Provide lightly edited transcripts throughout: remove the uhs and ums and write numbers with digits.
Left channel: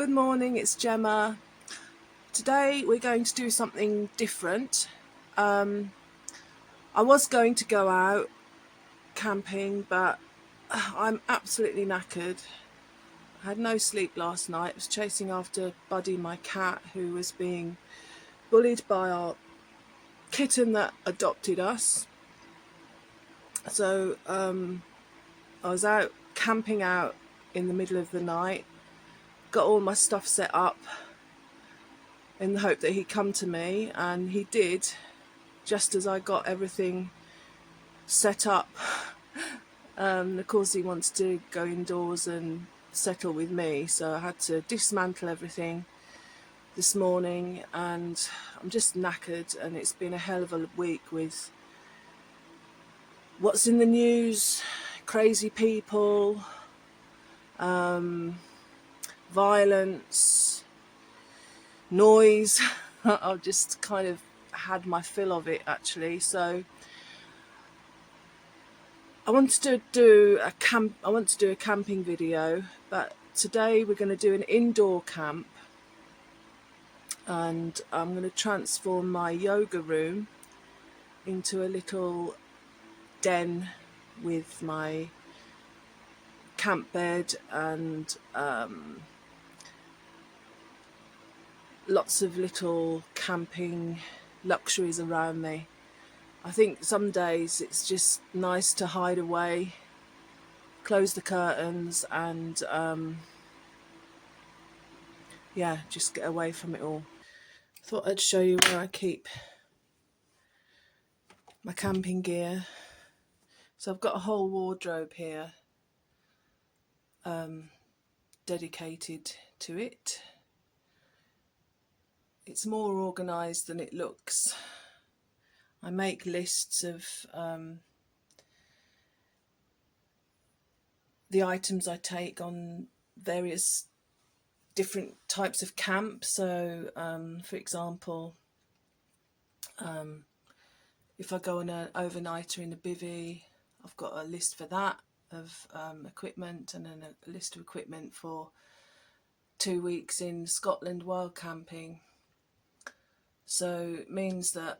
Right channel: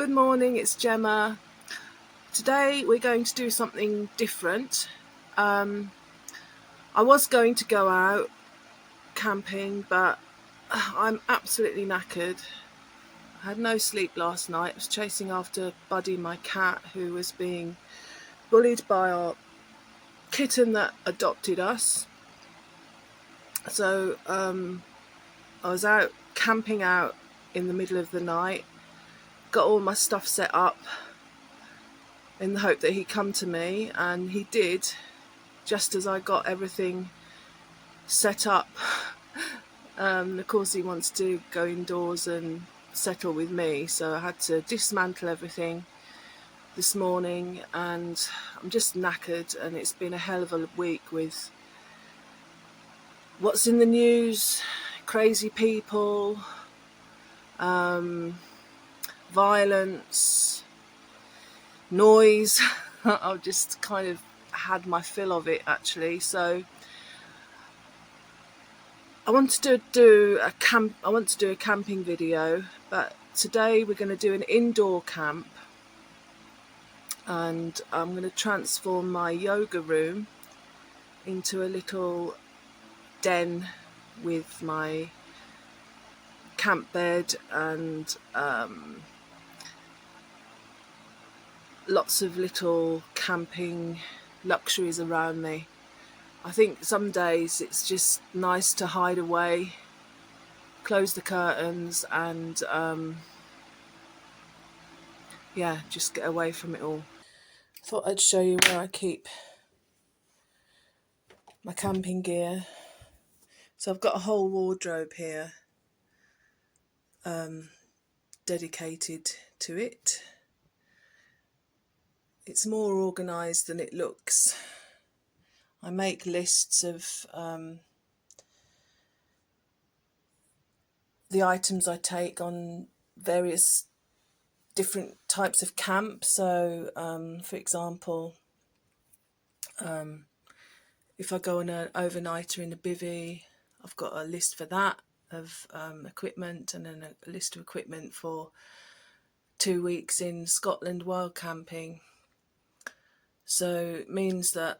Good morning, it's Gemma. Today we're going to do something different. I was going to go out camping, but I'm absolutely knackered. I had no sleep last night. I was chasing after Buddy, my cat, who was being bullied by our kitten that adopted us. So I was out camping out in the middle of the night, got all my stuff set up in the hope that he'd come to me, and he did, just as I got everything set up. Of course he wants to go indoors and settle with me, so I had to dismantle everything this morning, and I'm just knackered, and it's been a hell of a week with what's in the news, crazy people, violence, noise. I've just kind of had my fill of it, actually. So I wanted to do a camping video, but today we're going to do an indoor camp, and I'm going to transform my yoga room into a little den with my camp bed and lots of little camping luxuries around me. I think some days it's just nice to hide away, close the curtains, and just get away from it all. Thought I'd show you where I keep my camping gear. So I've got a whole wardrobe here dedicated to it. It's more organised than it looks. I make lists of the items I take on various different types of camp. So for example, if I go on an overnighter in a bivvy, I've got a list for that of equipment, and then a list of equipment for 2 weeks in Scotland wild camping. So it means that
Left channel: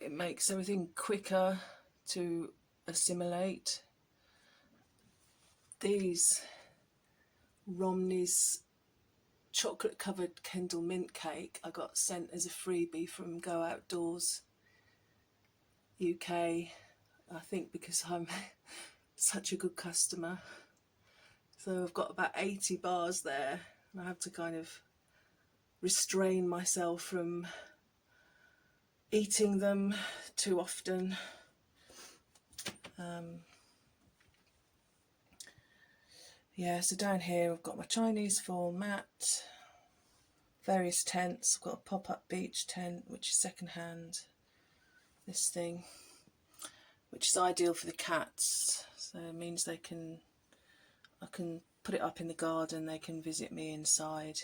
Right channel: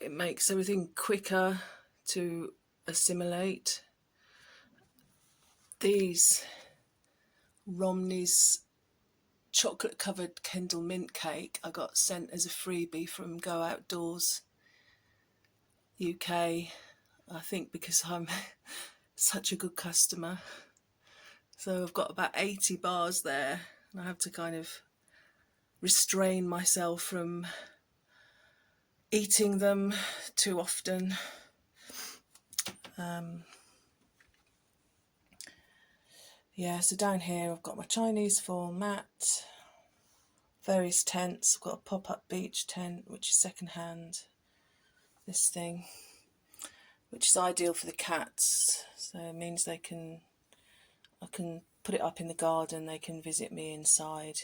it makes everything quicker to assimilate. These Romney's chocolate covered Kendal mint cake I got sent as a freebie from Go Outdoors UK, I think because I'm such a good customer. So I've got about 80 bars there, and I have to kind of restrain myself from eating them too often. So down here I've got my Chinese fall mat, various tents. I've got a pop-up beach tent, which is second-hand. This thing, which is ideal for the cats, so it means I can put it up in the garden, they can visit me inside,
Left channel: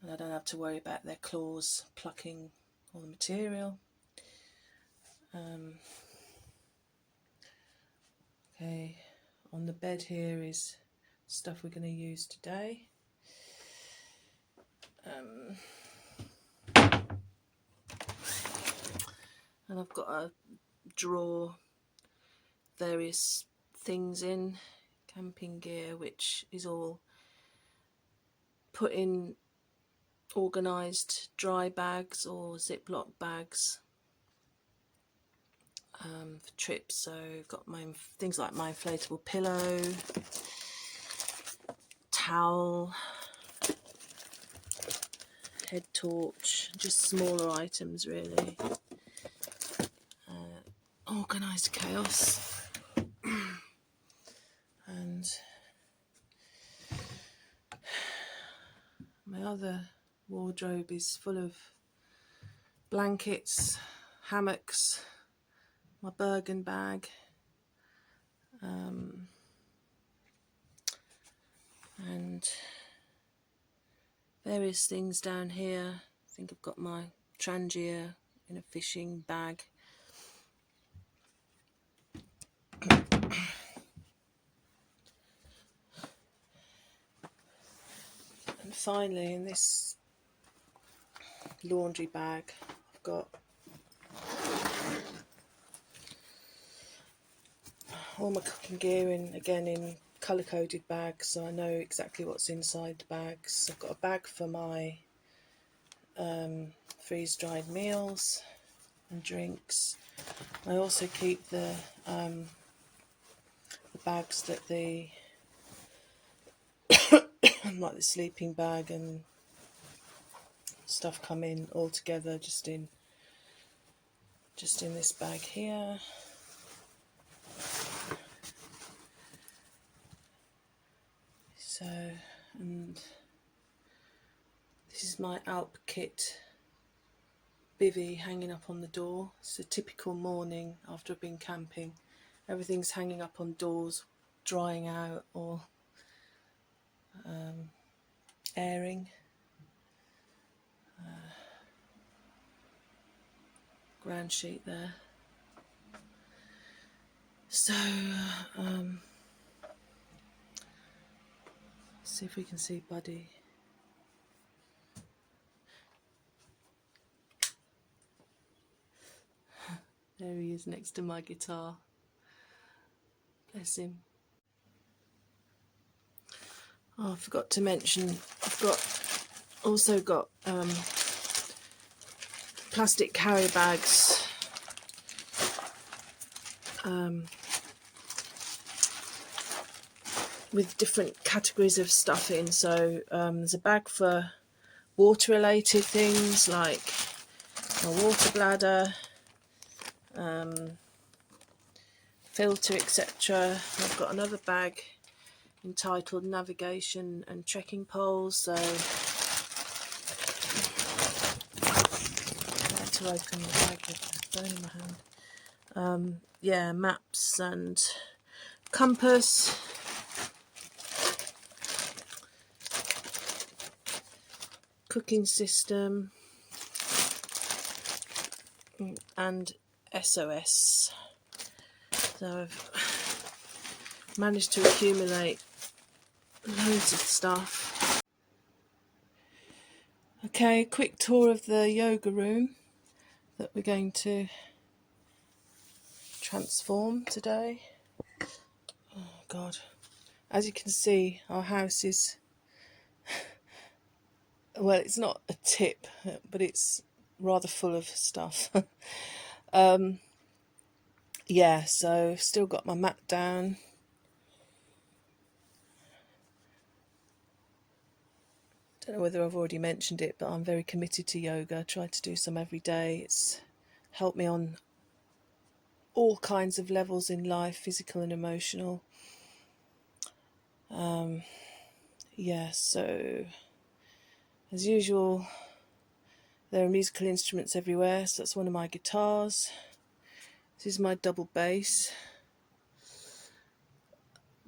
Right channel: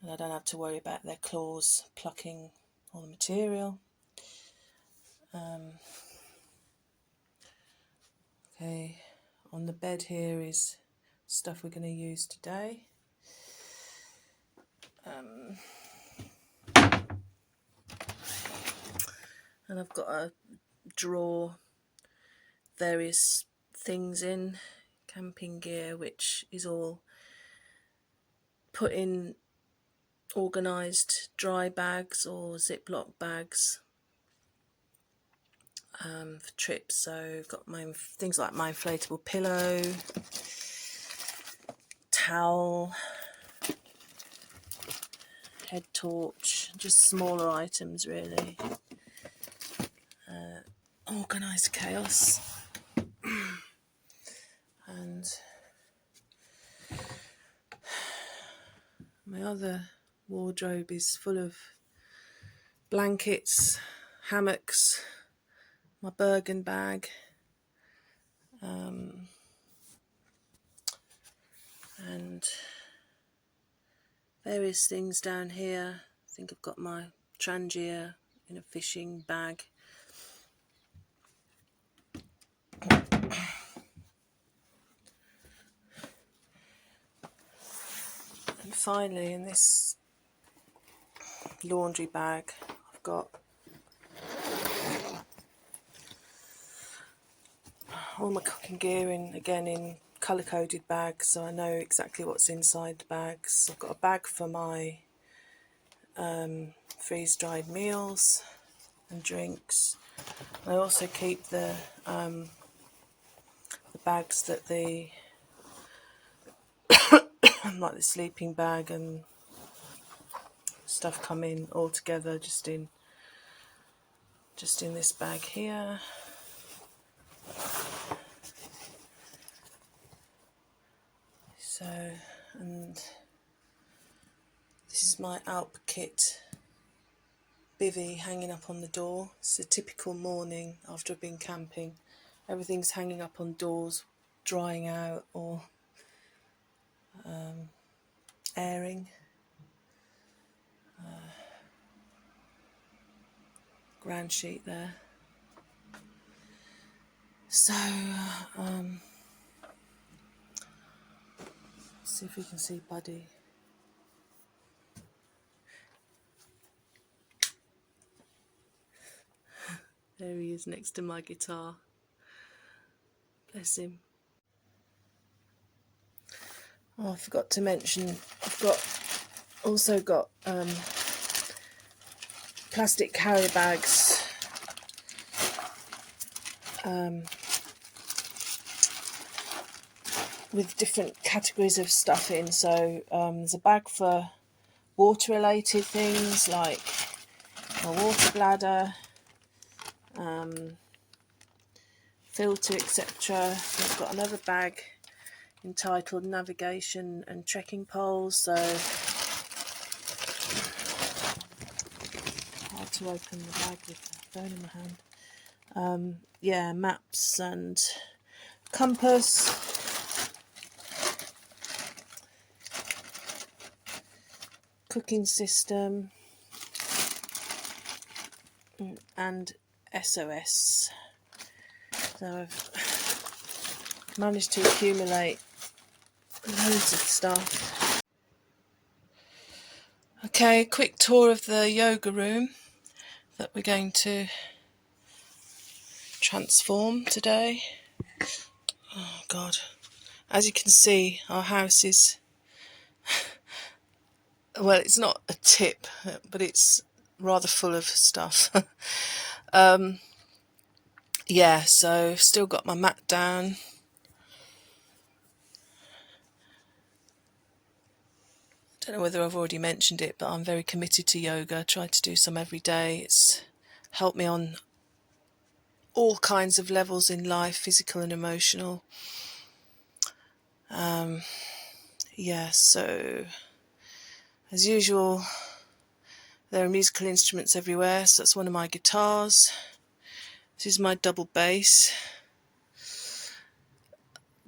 and I don't have to worry about their claws plucking all the material. Okay, on the bed here is stuff we're going to use today. And I've got a drawer, various things in, camping gear, which is all put in organised dry bags or Ziploc bags for trips. So I've got my things like my inflatable pillow, towel, head torch, just smaller items really. Organised chaos. And my other wardrobe is full of blankets, hammocks, my Bergen bag, and various things down here. I think I've got my Trangia in a fishing bag. finally, in this laundry bag, I've got all my cooking gear in colour-coded bags, so I know exactly what's inside the bags. I've got a bag for my freeze-dried meals and drinks. I also keep the bags that like the sleeping bag and stuff come in all together, just in this bag here. So, and this is my Alp kit bivvy hanging up on the door. It's a typical morning after I've been camping. Everything's hanging up on doors, drying out or airing. Ground sheet there. So, see if we can see Buddy. There he is next to my guitar. Bless him. Oh, I forgot to mention, also got plastic carrier bags with different categories of stuff in. So there's a bag for water related things like a water bladder, filter, etc. I've got another bag entitled navigation and trekking poles, so I had to open the bag with the phone in my hand. Yeah, maps and compass, cooking system, and SOS. So I've managed to accumulate loads of stuff. Okay, quick tour of the yoga room that we're going to transform today. Oh God, as you can see, our house is, well, it's not a tip, but it's rather full of stuff. Yeah, so still got my mat down. Don't know whether I've already mentioned it, but I'm very committed to yoga. I try to do some every day. It's helped me on all kinds of levels in life, physical and emotional. Yeah, so as usual, there are musical instruments everywhere. So that's one of my guitars. This is my double bass.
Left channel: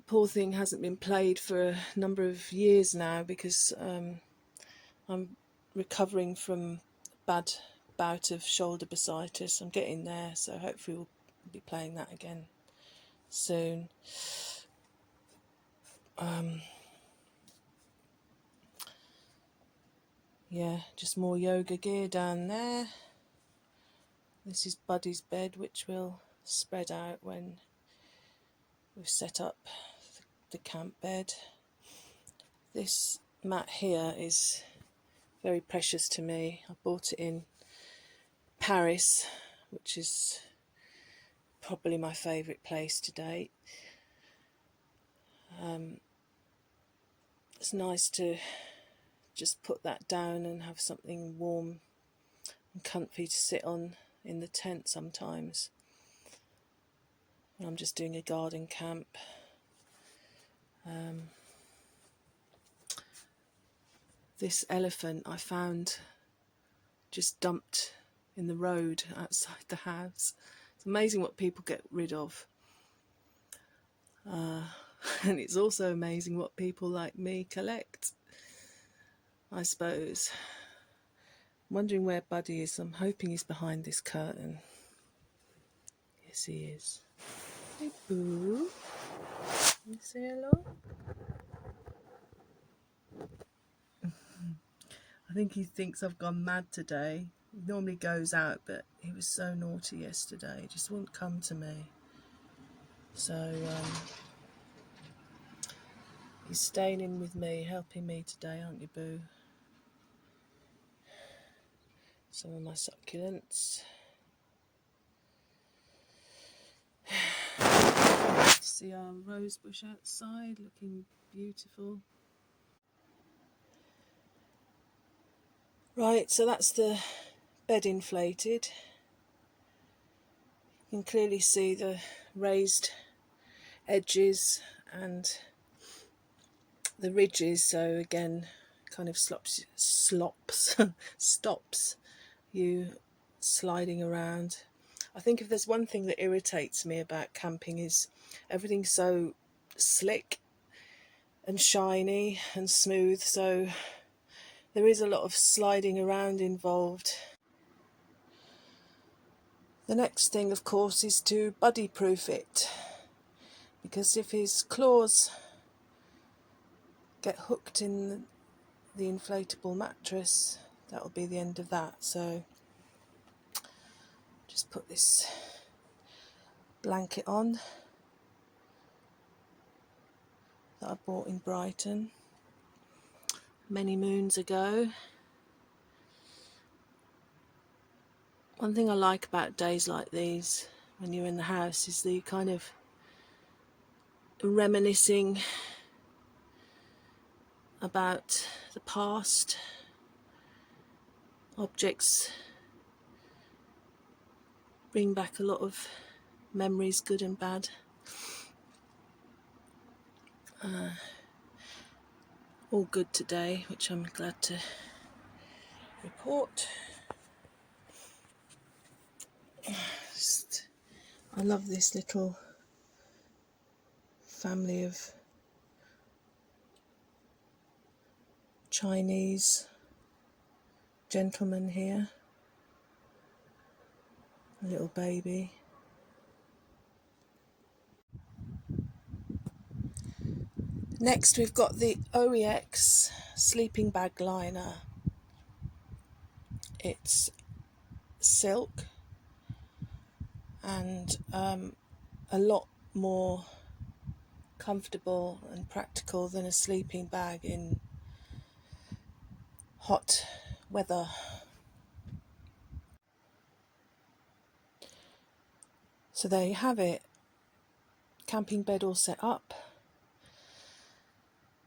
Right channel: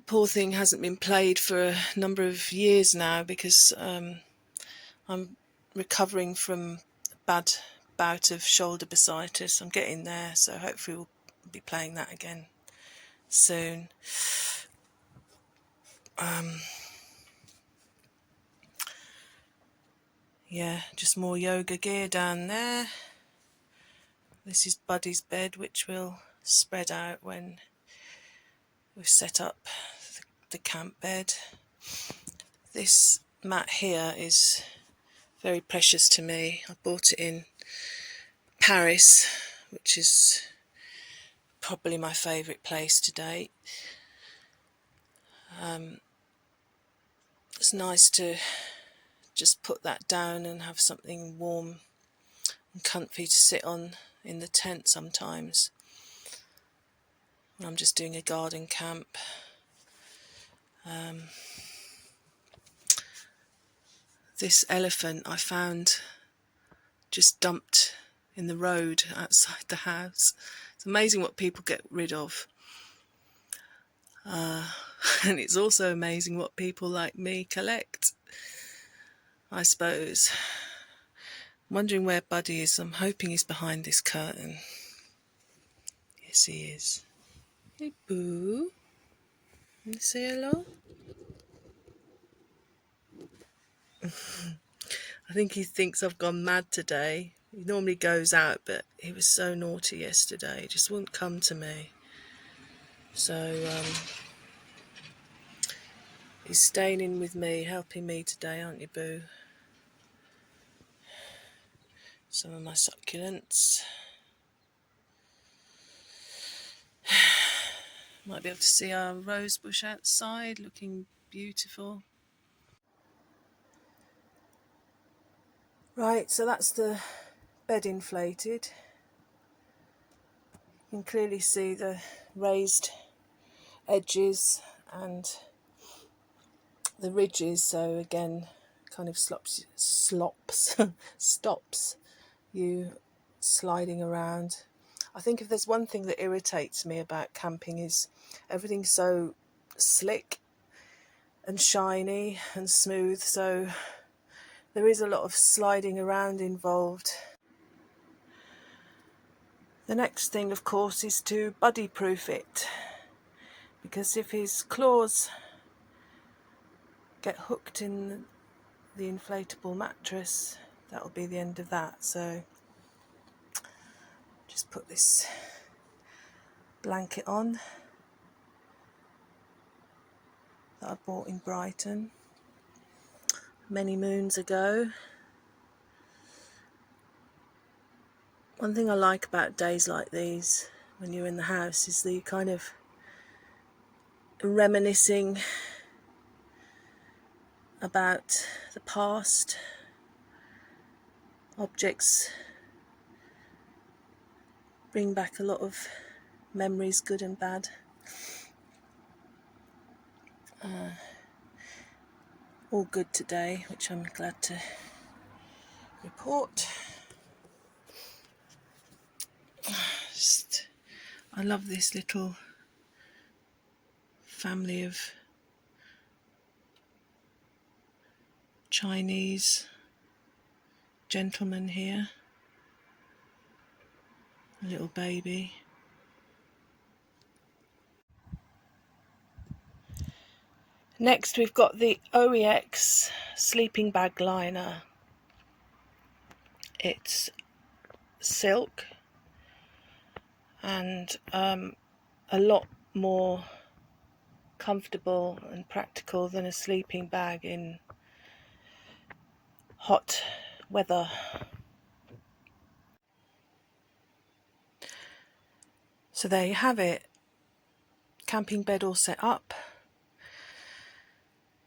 Poor thing hasn't been played for a number of years now because I'm recovering from a bad bout of shoulder bursitis. I'm getting there, so hopefully we'll be playing that again soon. Yeah, just more yoga gear down there. This is Buddy's bed, which will spread out when we've set up the camp bed. This mat here is very precious to me. I bought it in Paris, which is probably my favourite place to date. It's nice to just put that down and have something warm and comfy to sit on in the tent sometimes when I'm just doing a garden camp. This elephant I found just dumped in the road outside the house. It's amazing what people get rid of. And it's also amazing what people like me collect, I suppose. I'm wondering where Buddy is. I'm hoping he's behind this curtain. Yes, he is. Hey, Boo. Can you say hello? I think he thinks I've gone mad today. He normally goes out, but he was so naughty yesterday. He just wouldn't come to me. So he's staying in with me, helping me today, aren't you, Boo? Some of my succulents. I like to see our rose bush outside looking beautiful. Right, so that's the bed inflated. You can clearly see the raised edges and the ridges, so again kind of stops you sliding around. I think if there's one thing that irritates me about camping is everything's so slick and shiny and smooth, so there is a lot of sliding around involved. The next thing, of course, is to buddy proof it, because if his claws get hooked in the inflatable mattress, that'll be the end of that. So just put this blanket on that I bought in Brighton many moons ago. One thing I like about days like these, when you're in the house, is the kind of reminiscing about the past. Objects bring back a lot of memories, good and bad. All good today, which I'm glad to report. I love this little family of Chinese gentlemen here. A little baby. Next we've got the OEX sleeping bag liner. It's silk and a lot more comfortable and practical than a sleeping bag in hot weather. So there you have it. Camping bed all set up.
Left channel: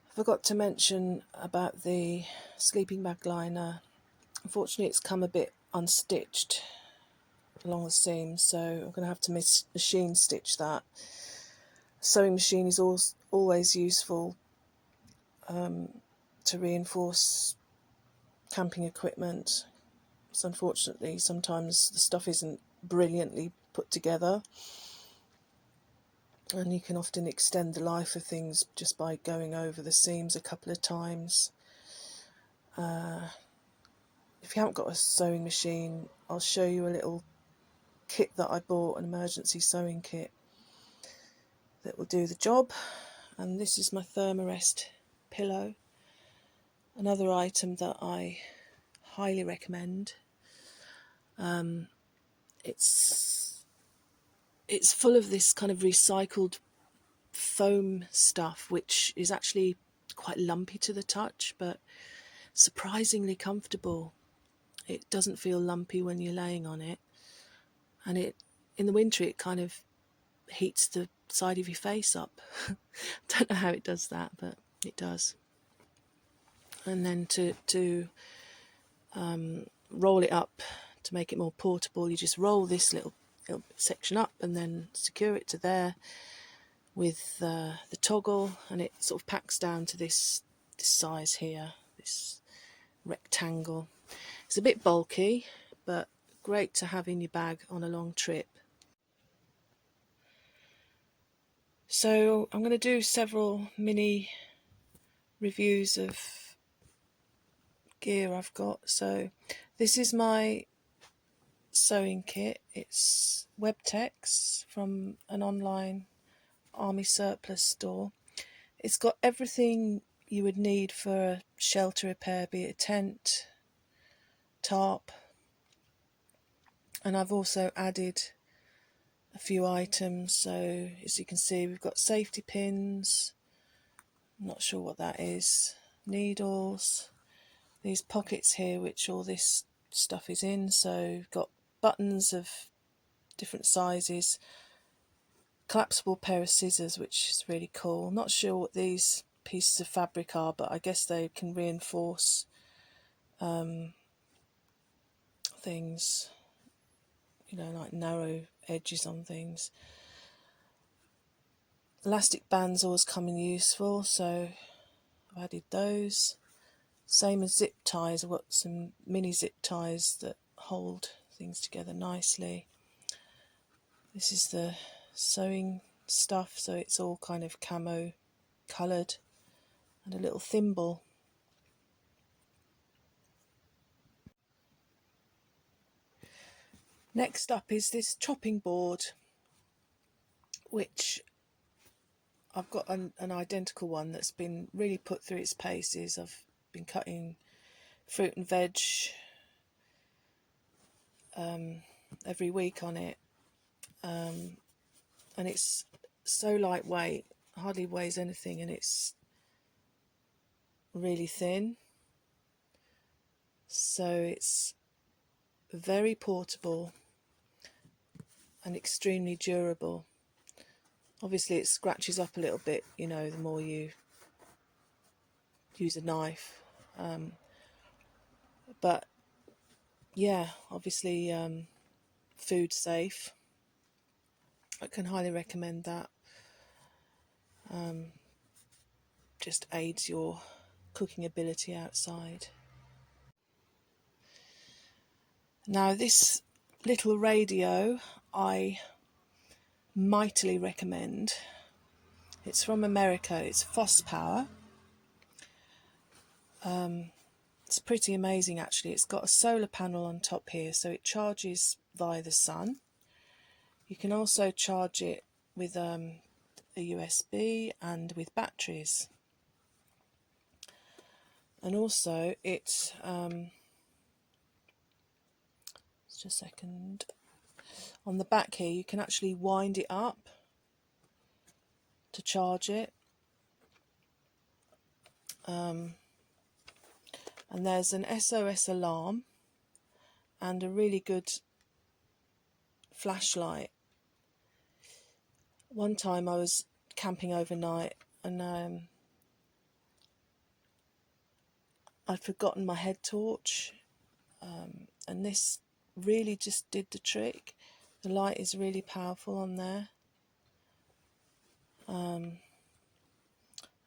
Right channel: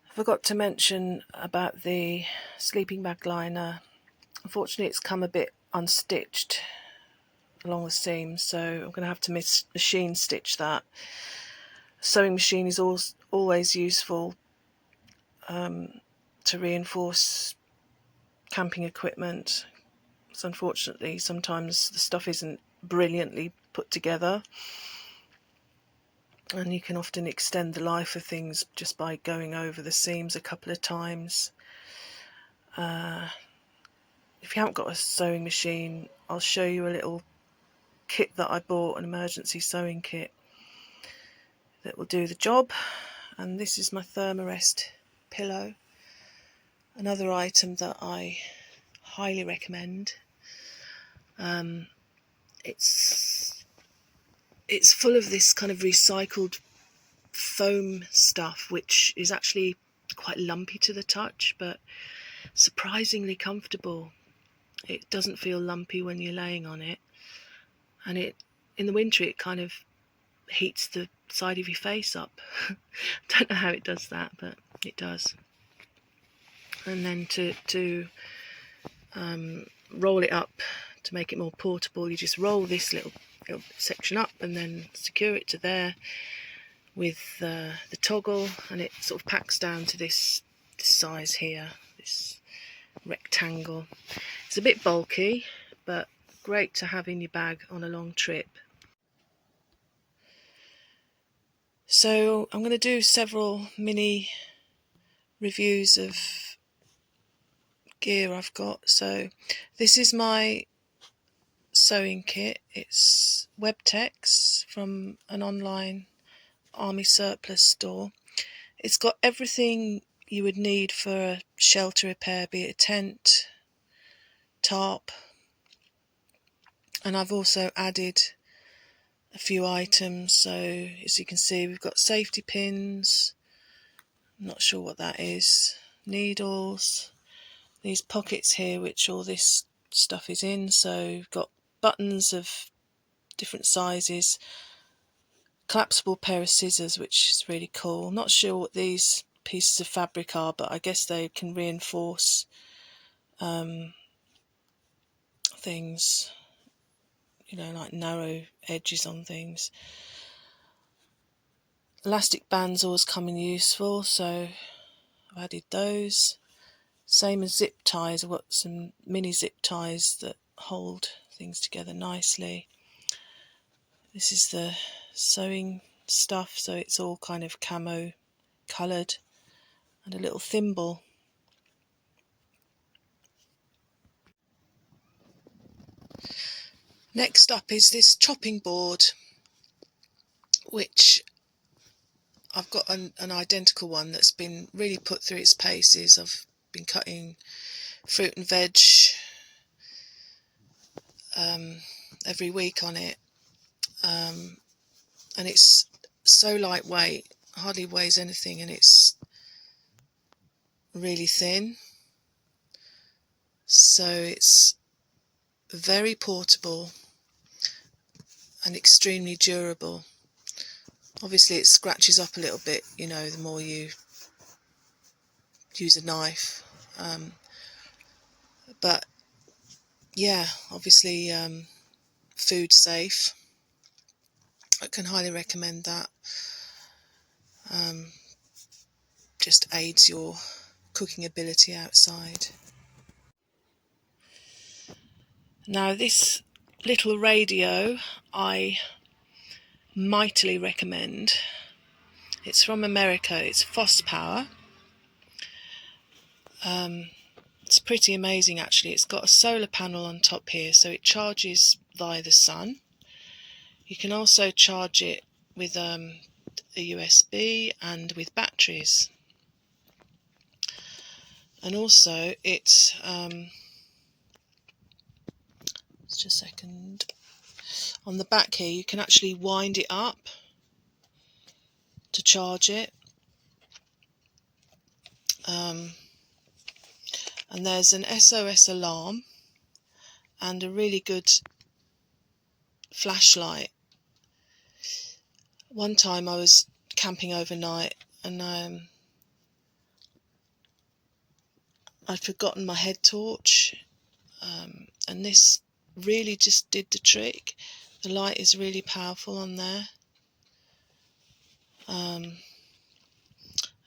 I forgot to mention about the sleeping bag liner. Unfortunately, it's come a bit unstitched along the seams, so I'm going to have to machine stitch that. A sewing machine is always useful to reinforce camping equipment. So unfortunately, sometimes the stuff isn't brilliantly put together, and you can often extend the life of things just by going over the seams a couple of times. If you haven't got a sewing machine, I'll show you a little kit that I bought, an emergency sewing kit that will do the job. And this is my Thermarest pillow, another item that I highly recommend. It's full of this kind of recycled foam stuff, which is actually quite lumpy to the touch, but surprisingly comfortable. It doesn't feel lumpy when you're laying on it, and in the winter it kind of heats the side of your face up. Don't know how it does that, but it does. And then to roll it up to make it more portable, you just roll this little section up and then secure it to there with the toggle, and it sort of packs down to this size here, this rectangle. It's a bit bulky, but great to have in your bag on a long trip. So I'm going to do several mini reviews of gear I've got. So this is my sewing kit. It's Webtex from an online army surplus store. It's got everything you would need for a shelter repair, be it a tent, tarp. And I've also added a few items. So as you can see, we've got safety pins, I'm not sure what that is, needles, these pockets here which all this stuff is in. So we've got buttons of different sizes, collapsible pair of scissors, which is really cool. Not sure what these pieces of fabric are, but I guess they can reinforce things, like narrow edges on things. Elastic bands always come in useful, so I've added those. Same as zip ties, I've got some mini zip ties that hold things together nicely. This is the sewing stuff, so it's all kind of camo coloured, and a little thimble. Next up is this chopping board, which I've got an identical one that's been really put through its paces. I've been cutting fruit and veg every week on it, and it's so lightweight, hardly weighs anything, and it's really thin, so it's very portable and extremely durable. Obviously it scratches up a little bit, the more you use a knife, but yeah, obviously food safe. I can highly recommend that. Just aids your cooking ability outside. Now this little radio I mightily recommend. It's from America, it's Foss Power. It's pretty amazing actually. It's got a solar panel on top here, so it charges via the sun. You can also charge it with a USB and with batteries. And also it's just a second. On the back here you can actually wind it up to charge it. And there's an SOS alarm and a really good flashlight. One time I was camping overnight and I'd forgotten my head torch, and this really just did the trick. The light is really powerful on there, and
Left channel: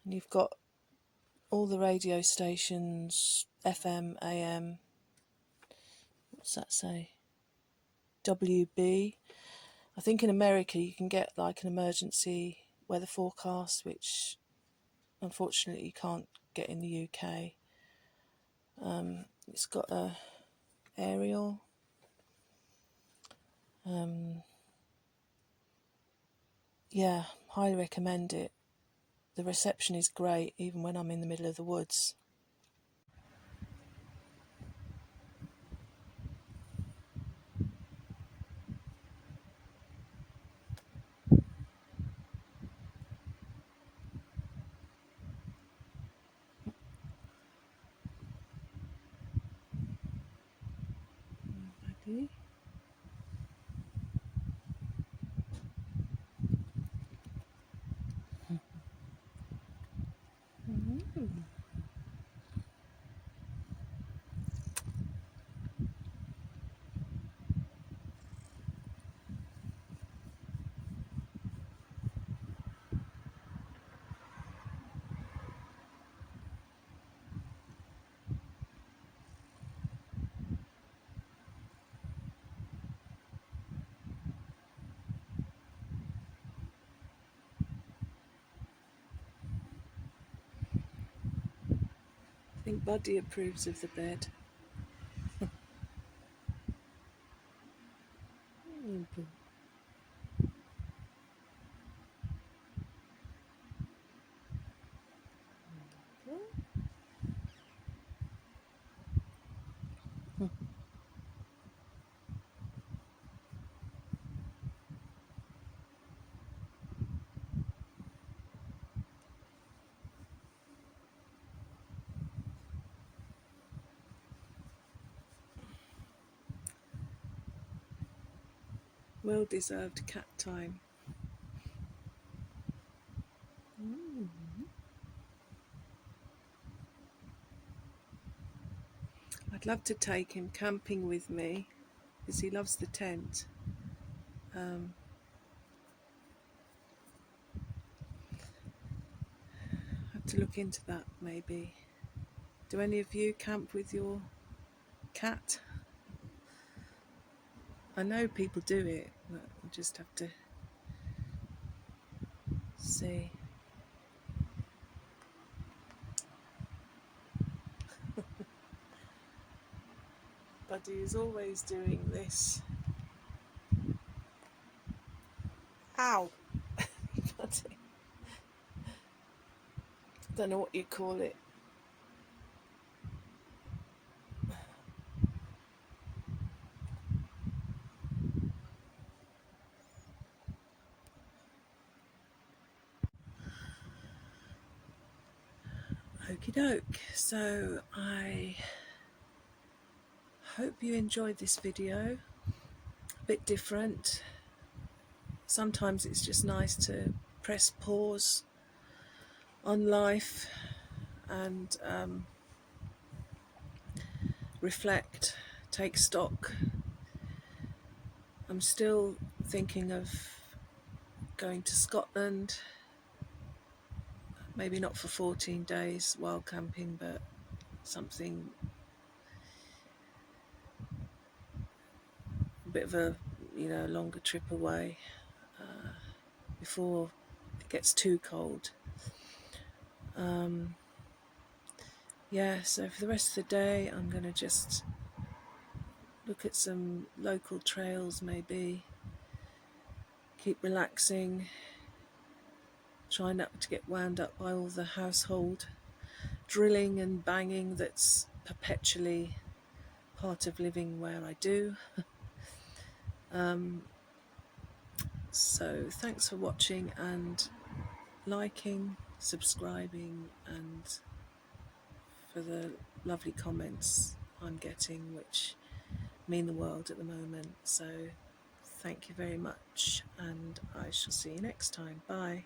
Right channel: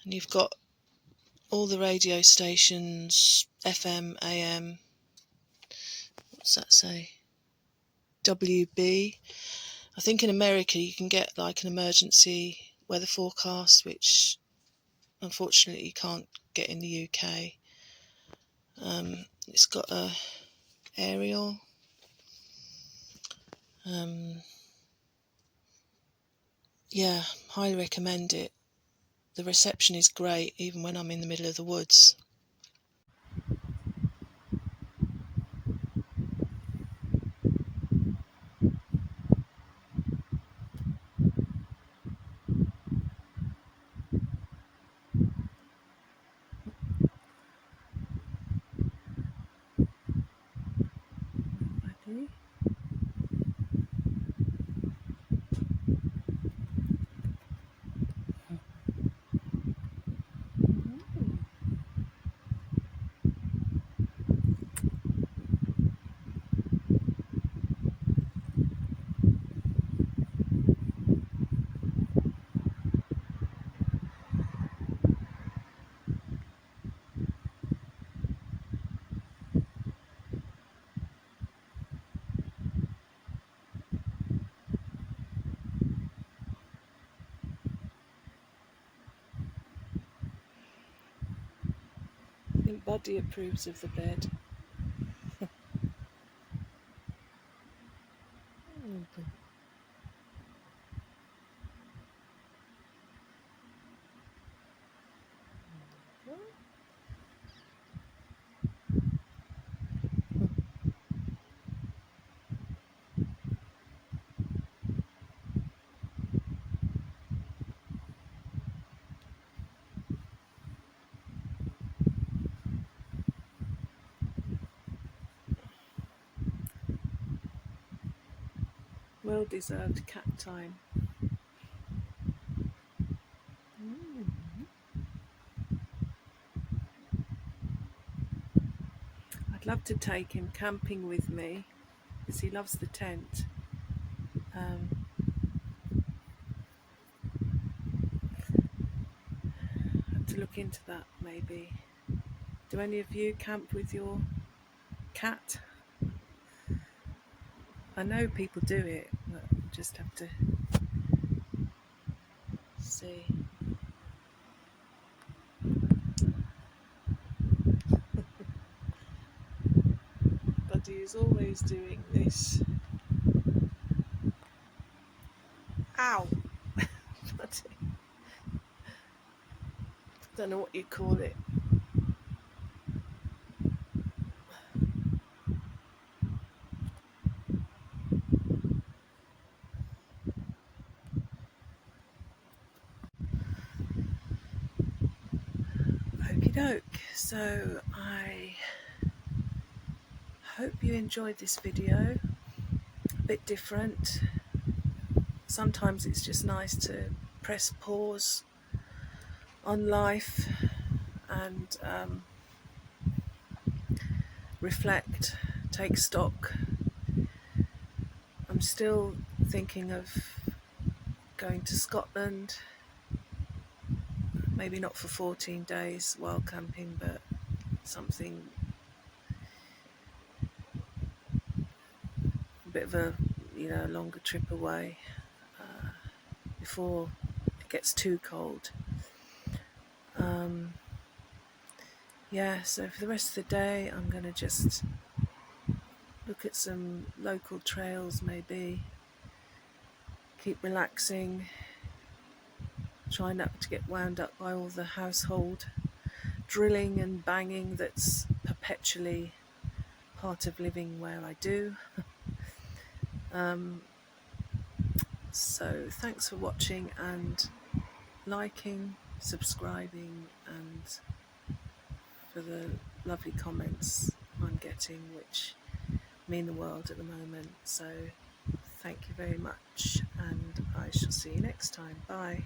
you've got all the radio stations, FM, AM, what's that say, WB. I think in America you can get like an emergency weather forecast, which unfortunately you can't get in the UK. It's got a aerial. Yeah, highly recommend it. The reception is great even when I'm in the middle of the woods. Ready? I think Buddy approves of the bed. Well-deserved cat time. I'd love to take him camping with me because he loves the tent. Have to look into that maybe. Do any of you camp with your cat? I know people do it, but we'll just have to see. Buddy is always doing this. Ow! Buddy. I don't know what you call it. Okie doke. So I hope you enjoyed this video. A bit different. Sometimes it's just nice to press pause on life and reflect, take stock. I'm still thinking of going to Scotland, maybe not for 14 days wild camping, but something a bit of a longer trip away before it gets too cold. So for the rest of the day I'm going to just look at some local trails, maybe keep relaxing, try not to get wound up by all the household drilling and banging that's perpetually part of living where I do. So thanks for watching and liking, subscribing, and for the lovely comments I'm getting, which mean the world at the moment. So thank you very much, and I shall see you next time. Bye.